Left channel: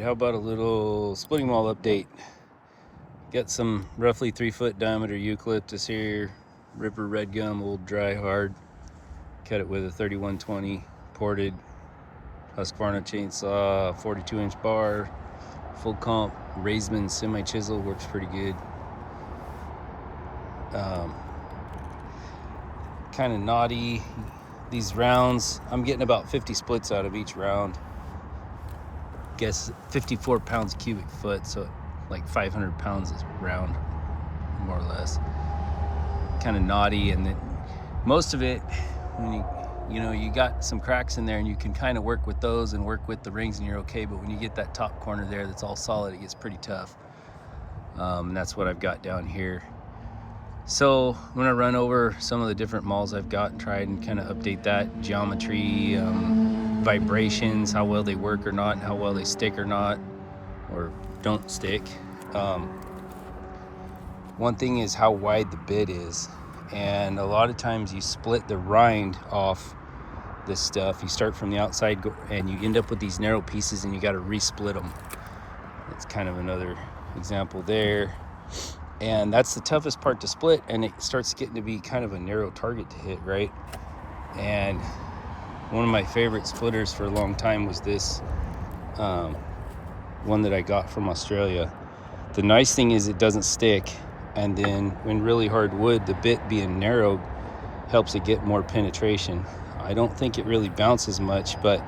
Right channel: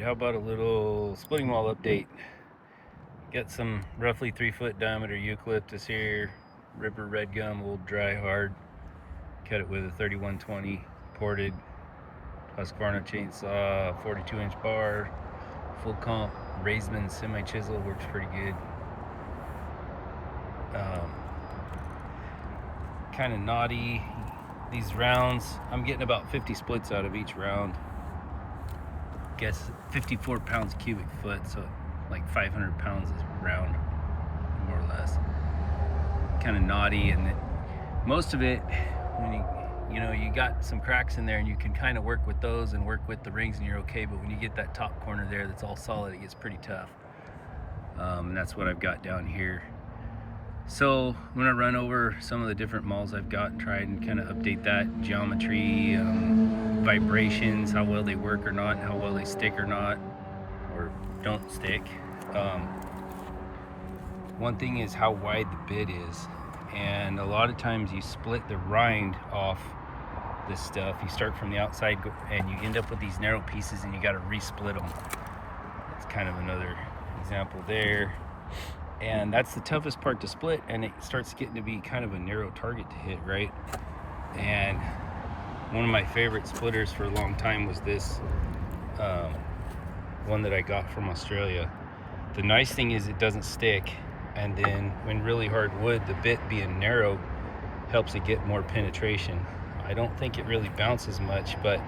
How about a little splitting maul update? Got some roughly 3-foot diameter eucalyptus here, Ripper red gum, old dry hard. Cut it with a 3120 ported Husqvarna chainsaw, 42-inch bar, full comp Raisman semi chisel, works pretty good. Kind of knotty. These rounds, I'm getting about 50 splits out of each round. Guess 54 pounds cubic foot, so like 500 pounds is round, more or less. Kind of knotty, and then most of it, when you got some cracks in there, and you can kind of work with those and work with the rings, and you're okay. But when you get that top corner there that's all solid, it gets pretty tough. And that's what I've got down here. So I'm gonna run over some of the different mauls I've got and try and kind of update that geometry, vibrations, how well they work or not, how well they stick or not, or don't stick. One thing is how wide the bit is, and a lot of times you split the rind off this stuff. You start from the outside and you end up with these narrow pieces, and you got to resplit them. That's kind of another example there. And that's the toughest part to split, and it starts getting to be kind of a narrow target to hit, right? And one of my favorite splitters for a long time was this one that I got from Australia. The nice thing is it doesn't stick, and then when really hard wood, the bit being narrow helps it get more penetration. I don't think it really bounces much, but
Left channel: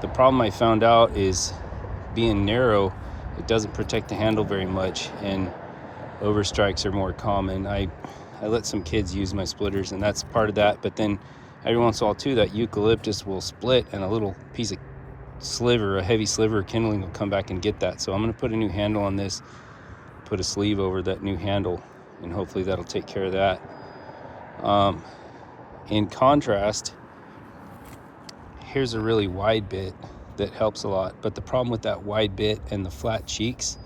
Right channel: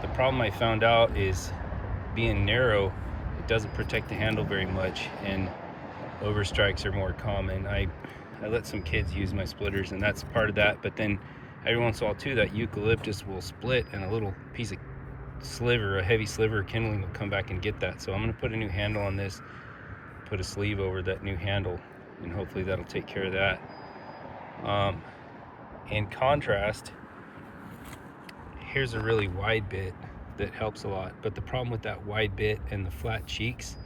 the problem I found out is being narrow, it doesn't protect the handle very much, and overstrikes are more common. I let some kids use my splitters, and that's part of that. But then every once in a while too, that eucalyptus will split, and a little piece of sliver, a heavy sliver of kindling will come back and get that. So I'm going to put a new handle on this, put a sleeve over that new handle, and hopefully that'll take care of that. In contrast, here's a really wide bit that helps a lot, but the problem with that wide bit and the flat cheeks,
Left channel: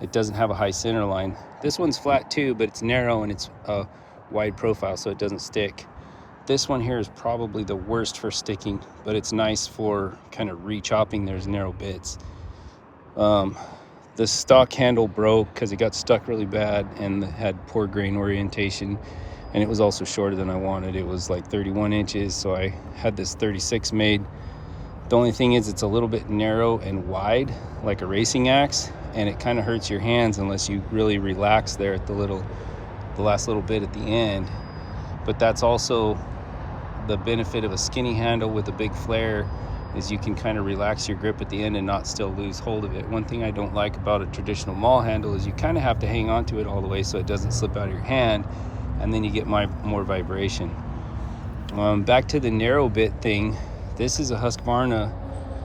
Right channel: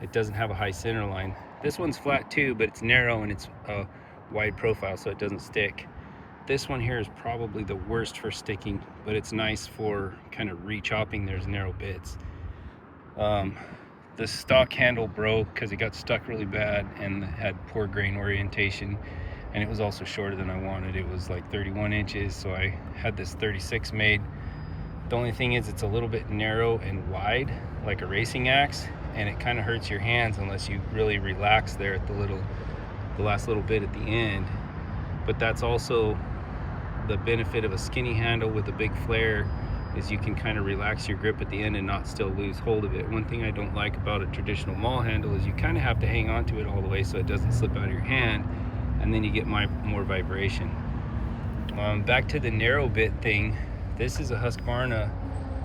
it doesn't have a high center line. This one's flat too, but it's narrow and it's a wide profile, so it doesn't stick. This one here is probably the worst for sticking, but it's nice for kind of re-chopping those narrow bits. The stock handle broke because it got stuck really bad and had poor grain orientation, and it was also shorter than I wanted. It was like 31 inches, so I had this 36 made. The only thing is it's a little bit narrow and wide, like a racing axe, and it kind of hurts your hands unless you really relax there at the last little bit at the end. But that's also the benefit of a skinny handle with a big flare, is you can kind of relax your grip at the end and not still lose hold of it. One thing I don't like about a traditional maul handle is you kind of have to hang on to it all the way so it doesn't slip out of your hand, and then you get more vibration. Back to the narrow bit thing. This is a Husqvarna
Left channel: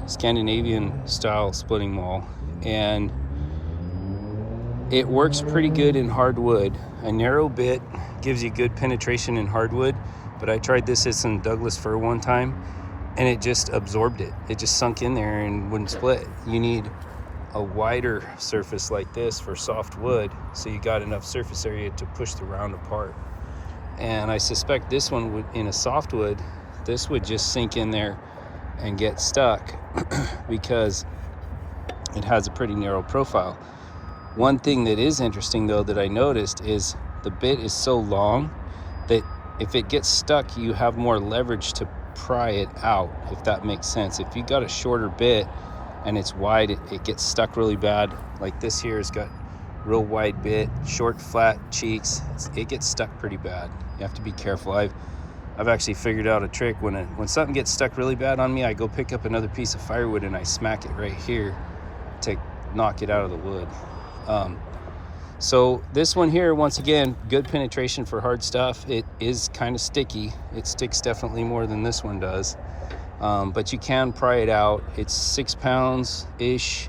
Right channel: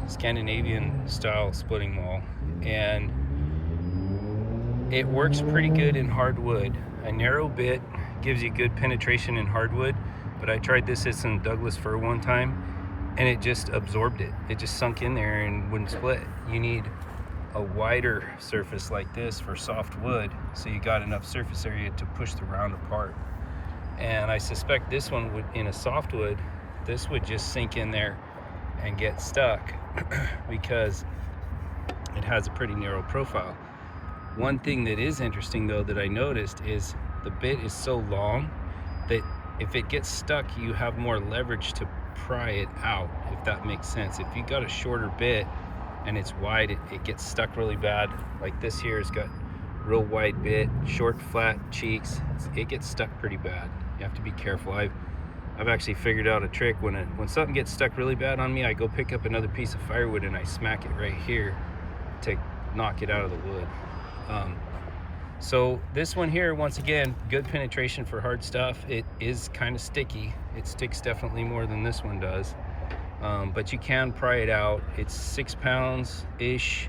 Scandinavian style splitting maul, and it works pretty good in hardwood. A narrow bit gives you good penetration in hardwood, but I tried this as some Douglas fir one time, and it just absorbed it. It just sunk in there and wouldn't split. You need a wider surface like this for soft wood, so you got enough surface area to push the round apart. And I suspect this one would, in a softwood, this would just sink in there and get stuck because it has a pretty narrow profile. One thing that is interesting though that I noticed is the bit is so long that if it gets stuck, you have more leverage to pry it out, if that makes sense. If you got a shorter bit and it's wide, it gets stuck really bad. Like this here has got real wide bit, short flat cheeks. It gets stuck pretty bad. You have to be careful. I've actually figured out a trick. When something gets stuck really bad on me, I go pick up another piece of firewood and I smack it right here to knock it out of the wood. So this one here, once again, good penetration for hard stuff. It is kind of sticky. It sticks definitely more than this one does, but you can pry it out. It's 6 pounds-ish,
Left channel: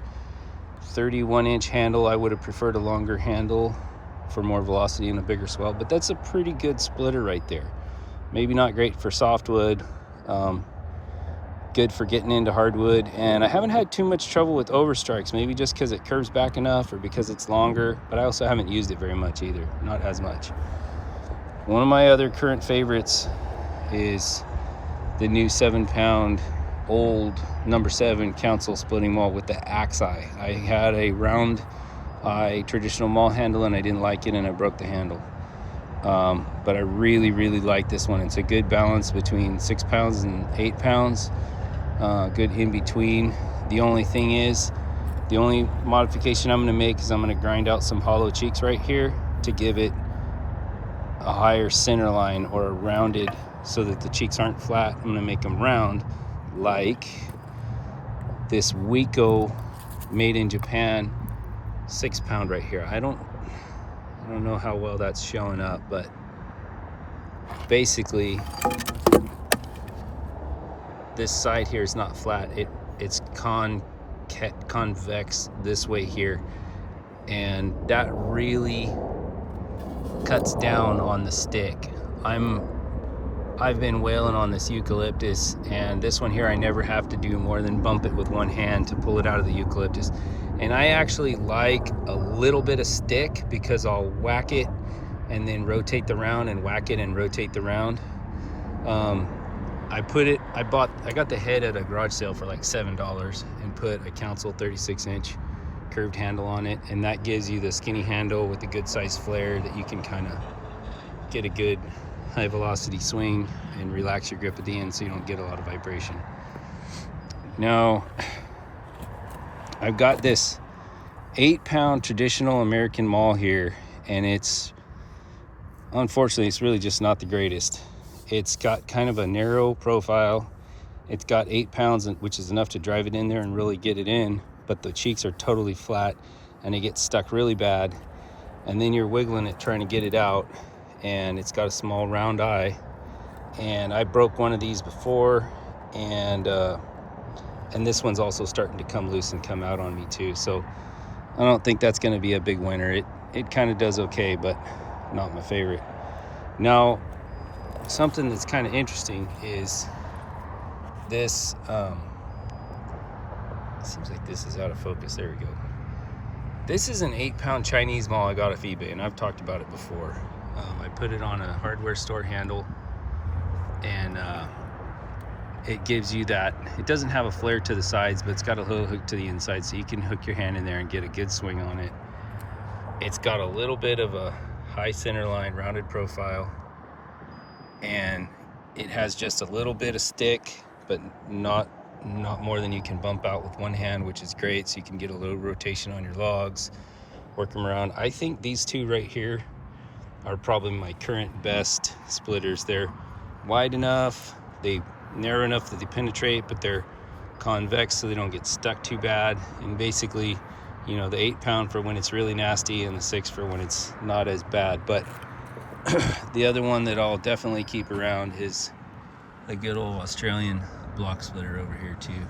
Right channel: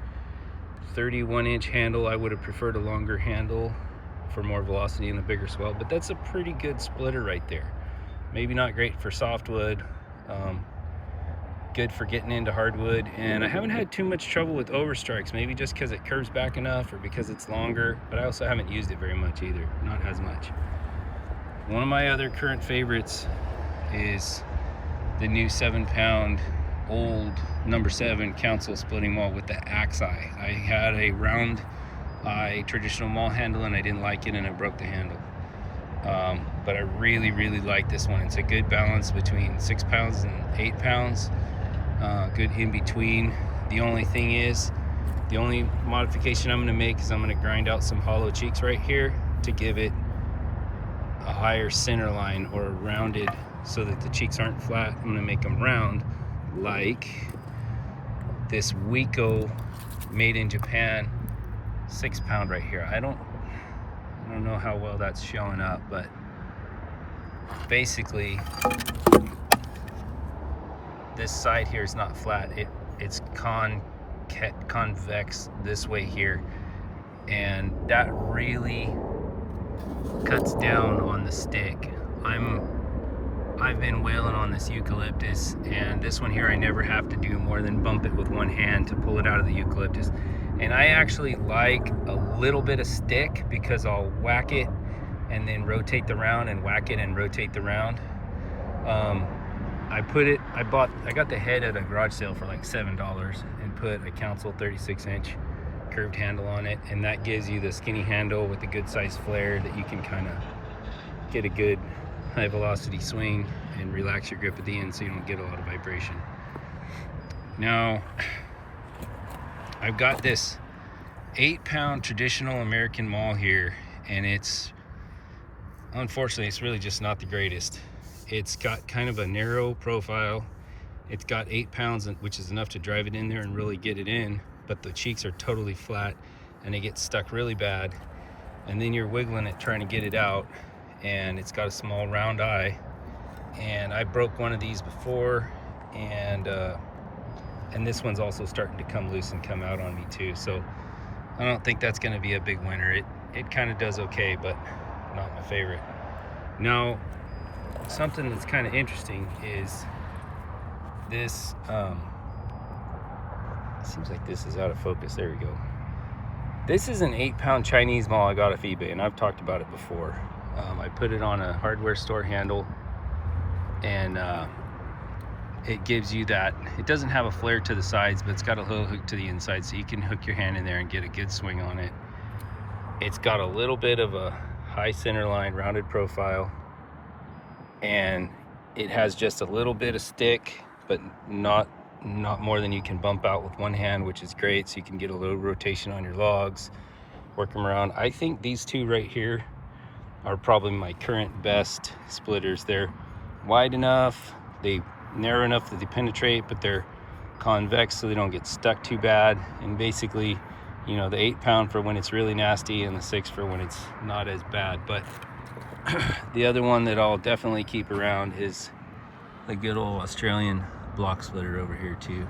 31-inch handle. I would have preferred a longer handle for more velocity and a bigger swell, but that's a pretty good splitter right there. Maybe not great for softwood, good for getting into hardwood, and I haven't had too much trouble with overstrikes, maybe just because it curves back enough or because it's longer, but I also haven't used it very much either, not as much. One of my other current favorites is the new 7-pound old number 7 council splitting maul with the axe eye. I had a round eye traditional maul handle and I didn't like it and I broke the handle. But I really like this one. It's a good balance between 6 pounds and 8 pounds, good in between. The only thing is, the only modification I'm going to make is I'm going to grind out some hollow cheeks right here to give it a higher center line, or a rounded, so that the cheeks aren't flat. I'm going to make them round, like this Wiko made in Japan 6 pound right here. I don't know how well that's showing up, but basically this side here is not flat. It's convex this way here, and that really cuts down on the stick. I've been wailing on this eucalyptus, and this one here I never have to do more than bump it with one hand to pull it out of the eucalyptus. And I actually like a little bit of stick, because I'll whack it and then rotate the round, and whack it and rotate the round. I got the head at a garage sale for like $7 and put a council 36-inch curved handle on it, and that gives you the skinny handle with a good size flare that you can kind of get a good high velocity swing and relax your grip at the end so you don't get a lot of vibration. Now I've got this 8 pound traditional American maul here, and unfortunately it's really just not the greatest. It's got kind of a narrow profile. It's got 8 pounds, which is enough to drive it in there and really get it in, but the cheeks are totally flat and it gets stuck really bad, and then you're wiggling it trying to get it out, and it's got a small round eye. And I broke one of these before, and this one's also starting to come loose and come out on me too, so I don't think that's going to be a big winner. It kind of does okay, but not my favorite. Now, something that's kind of interesting is this. Seems like this is out of focus. There we go. This is an 8 pound Chinese maul I got off eBay, and I've talked about it before. I put it on a hardware store handle, and it gives you that. It doesn't have a flare to the sides, but it's got a little hook to the inside, so you can hook your hand in there and get a good swing on it. It's got a little bit of a high center line, rounded profile, and it has just a little bit of stick, but not more than you can bump out with one hand, which is great, so you can get a little rotation on your logs, work them around. I think these two right here are probably my current best splitters. They're wide enough, they narrow enough that they penetrate, but they're convex so they don't get stuck too bad. And basically, you know, the 8 pound for when it's really nasty, and the 6 for when it's not as bad. But the other one that I'll definitely keep around is the good old Australian block splitter over here too.